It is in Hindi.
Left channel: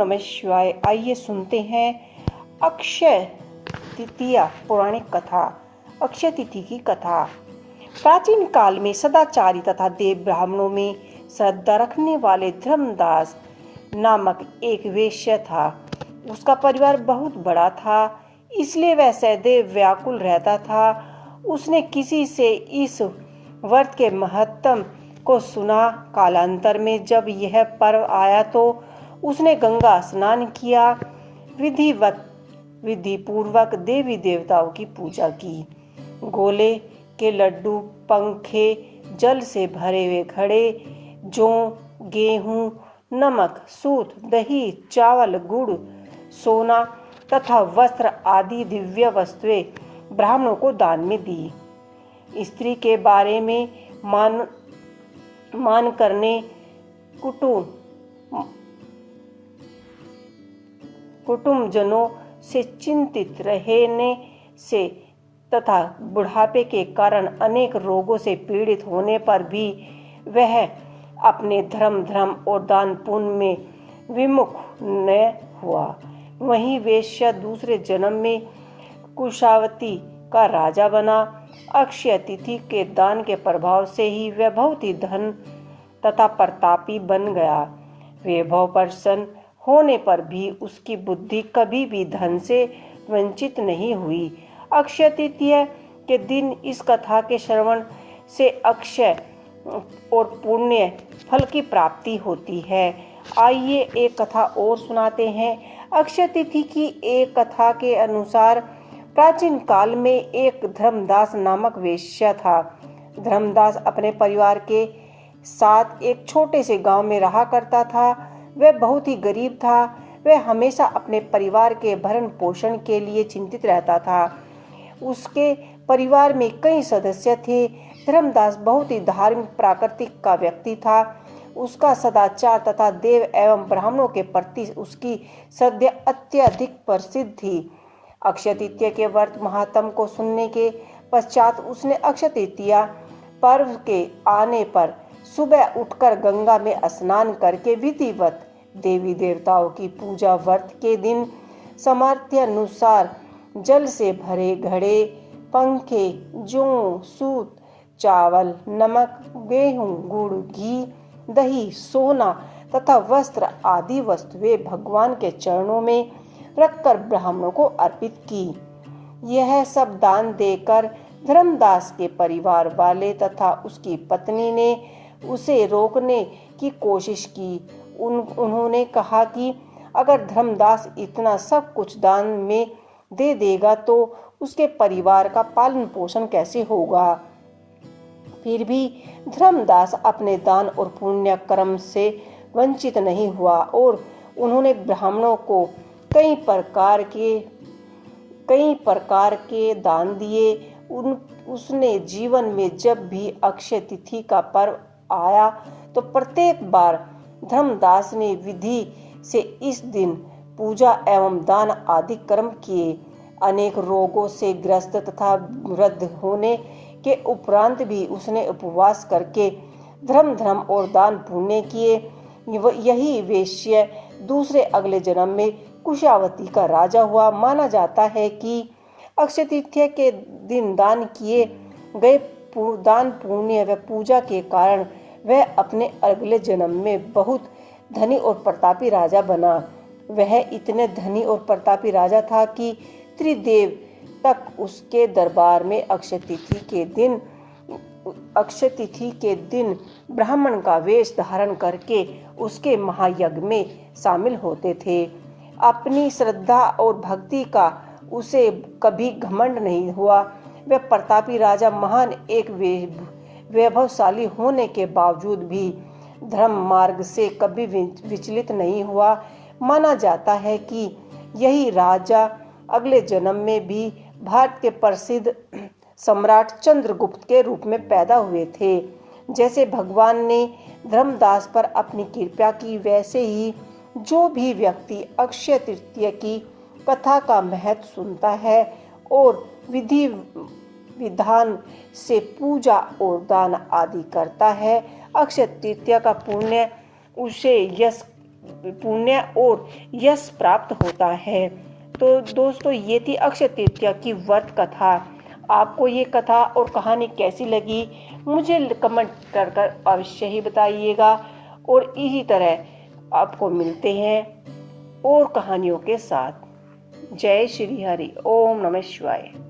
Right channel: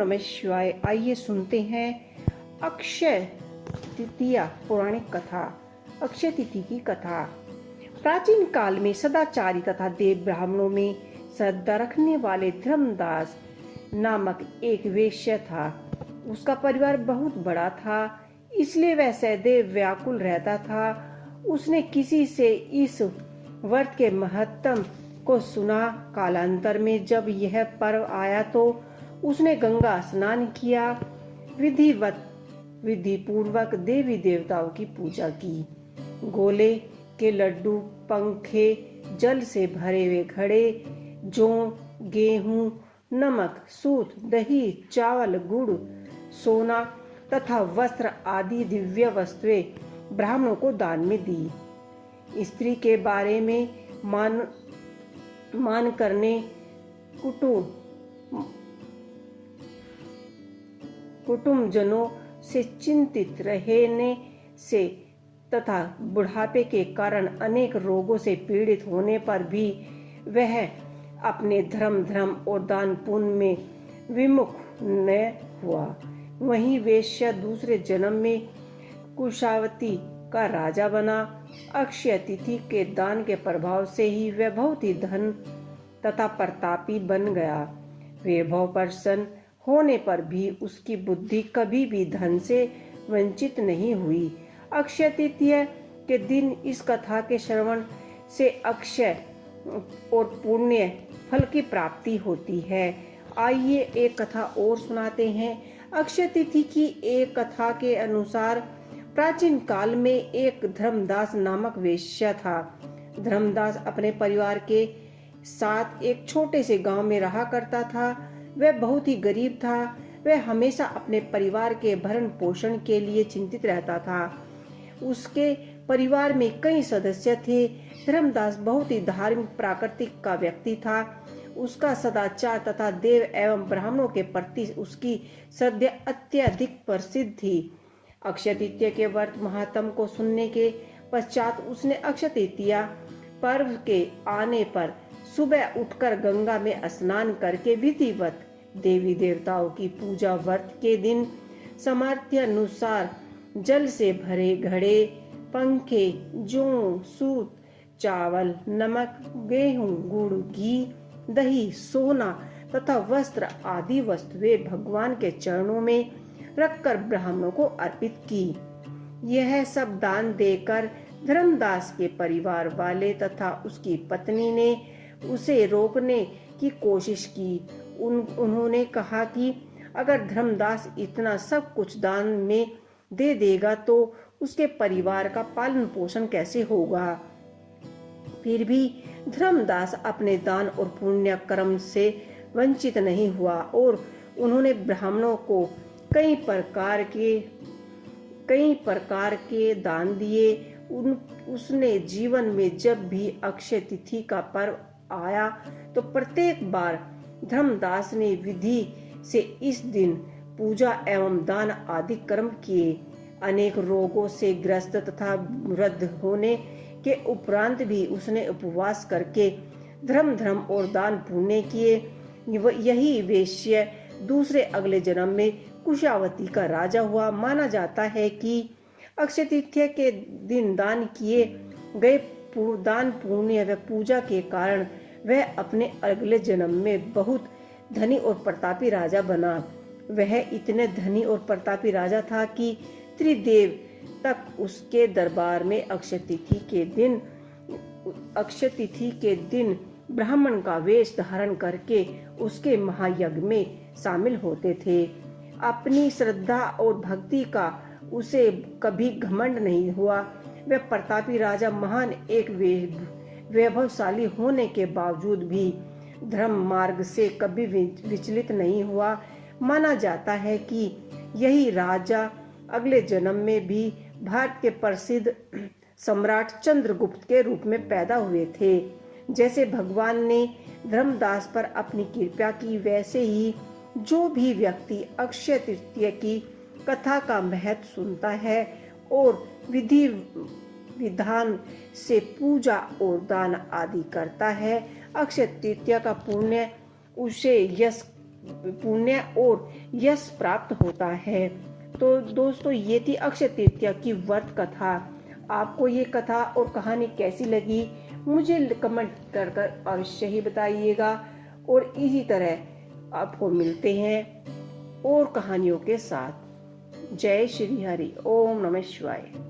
नमः शिवाय। आइए सुनते हैं अक्षय तृतीया पौराणिक कथा। अक्षय तिथि की कथा। प्राचीन काल में सदाचारी तथा देव ब्राह्मणों में श्रद्धा रखने वाले धर्मदास नामक एक वेश्या था। उसका परिवार बहुत बड़ा था, इसलिए वह सदैव व्याकुल रहता था। उसने किसी से इस व्रत के महत्व को सुना। कालांतर में जब यह पर्व आया तो उसने गंगा स्नान किया, विधि पूर्वक देवी देवताओं की पूजा की। गोले के लड्डू, पंखे, जल से भरे हुए घड़े, जौ, गेहूं, नमक, सूत, दही, चावल, गुड़, सोना तथा वस्त्र आदि दिव्य वस्तुएं ब्राह्मणों को दान में दी। स्त्री के बारे में मान करने, कुटुंबजनों से चिंतित रहने से तथा बुढ़ापे के कारण अनेक रोगों से पीड़ित होने पर भी वह अपने धर्म और दान पुण्य में विमुख न हुआ। वहीं वेश्या दूसरे जन्म में कुशावती का राजा बना। अक्षय तिथि के दान के प्रभाव से ही वह बहुत ही धन तथा प्रतापी बन गया। वैभव प्रसन्न होने पर भी उसकी बुद्धि कभी भी धन से वंचित नहीं हुई। अक्षय तृतीया के दिन इस कथा के श्रवण से अक्षय और पुण्य फल की प्राप्ति होती है। आइए एक कथा और सुनाते हैं। अक्षय तिथि की एक कथा के अनुसार प्राचीन काल में एक धर्मदास नामक वेश्या था। धर्मदास अपने परिवार के साथ एक छोटे से गांव में रहा करता था। वह बहुत ही गरीब था। वह हमेशा अपने परिवार के भरण पोषण के लिए चिंतित रहता था। उसके परिवार में कई सदस्य थे। धर्मदास बहुत ही धार्मिक प्राकृतिक का व्यक्ति था। उसका सदाचार तथा देव एवं ब्राह्मणों के प्रति उसकी श्रद्धा अत्यधिक प्रसिद्ध थी। अक्षय तृतीया के व्रत महात्म को सुनने के पश्चात उसने अक्षय तृतीया पर्व के आने पर सुबह उठकर गंगा में स्नान करके विधिवत देवी देवताओं की पूजा। व्रत के दिन सामर्थ्य अनुसार जल से भरे घड़े, पंखे, जौ, सूत, चावल, नमक, गेहूं, गुड़, घी, दही, सोना तथा वस्त्र आदि वस्तुएं भगवान के चरणों में रखकर ब्राह्मणों को अर्पित की। यह सब दान देकर धर्मदास के परिवार वाले तथा उसकी पत्नी ने उसे रोकने की कोशिश की। उन्होंने कहा कि अगर धर्मदास इतना सब कुछ दान में दे देगा तो उसके परिवार का पालन पोषण कैसे होगा। फिर भी धर्मदास अपने दान और पुण्य कर्म से वंचित नहीं हुआ और उन्होंने ब्राह्मणों को कई प्रकार के दान दिए। उसने जीवन में जब भी अक्षय तिथि का पर्व आया तो प्रत्येक बार धर्मदास ने विधि से इस दिन पूजा एवं दान आदि कर्म किए। अनेक रोगों से ग्रस्त तथा वृद्ध होने के उपरांत भी उसने उपवास करके धर्म और दान पुण्य किए। यही वेश्य दूसरे अगले जन्म में कुशावती का राजा हुआ। माना जाता है कि अक्षय तृतीया के दिन दान किए गए दान पुण्य व पूजा के कारण वह अपने अगले जन्म में बहुत धनी और प्रतापी राजा बना। वह इतने धनी और प्रतापी राजा था कि त्रिदेव तक उसके दरबार में अक्षय तिथि के दिन ब्राह्मण का वेश धारण करके उसके महायज्ञ में शामिल होते थे। अपनी श्रद्धा और भक्ति का उसे कभी घमंड नहीं हुआ। वह प्रतापी राजा महान एक वैभवशाली होने के बावजूद भी धर्म मार्ग से कभी विचलित नहीं हुआ। माना जाता है कि यही राजा अगले जन्म में भी भारत के प्रसिद्ध सम्राट चंद्रगुप्त के रूप में पैदा हुए थे। जैसे भगवान ने धर्मदास पर अपनी कृपा की, वैसे ही जो भी व्यक्ति अक्षय तृतीया की कथा का महत्व सुनता है और विधि विधान से पूजा और दान आदि करता है, अक्षय तृतीया का पुण्य उसे यश पुण्य और यश प्राप्त होता है। तो दोस्तों, ये थी अक्षय तृतीया की व्रत कथा। आपको ये कथा और कहानी कैसी लगी मुझे कमेंट कर अवश्य ही बताइएगा। और इसी तरह आपको मिलते हैं और कहानियों के साथ। जय श्री हरि। ओम नमः शिवाय।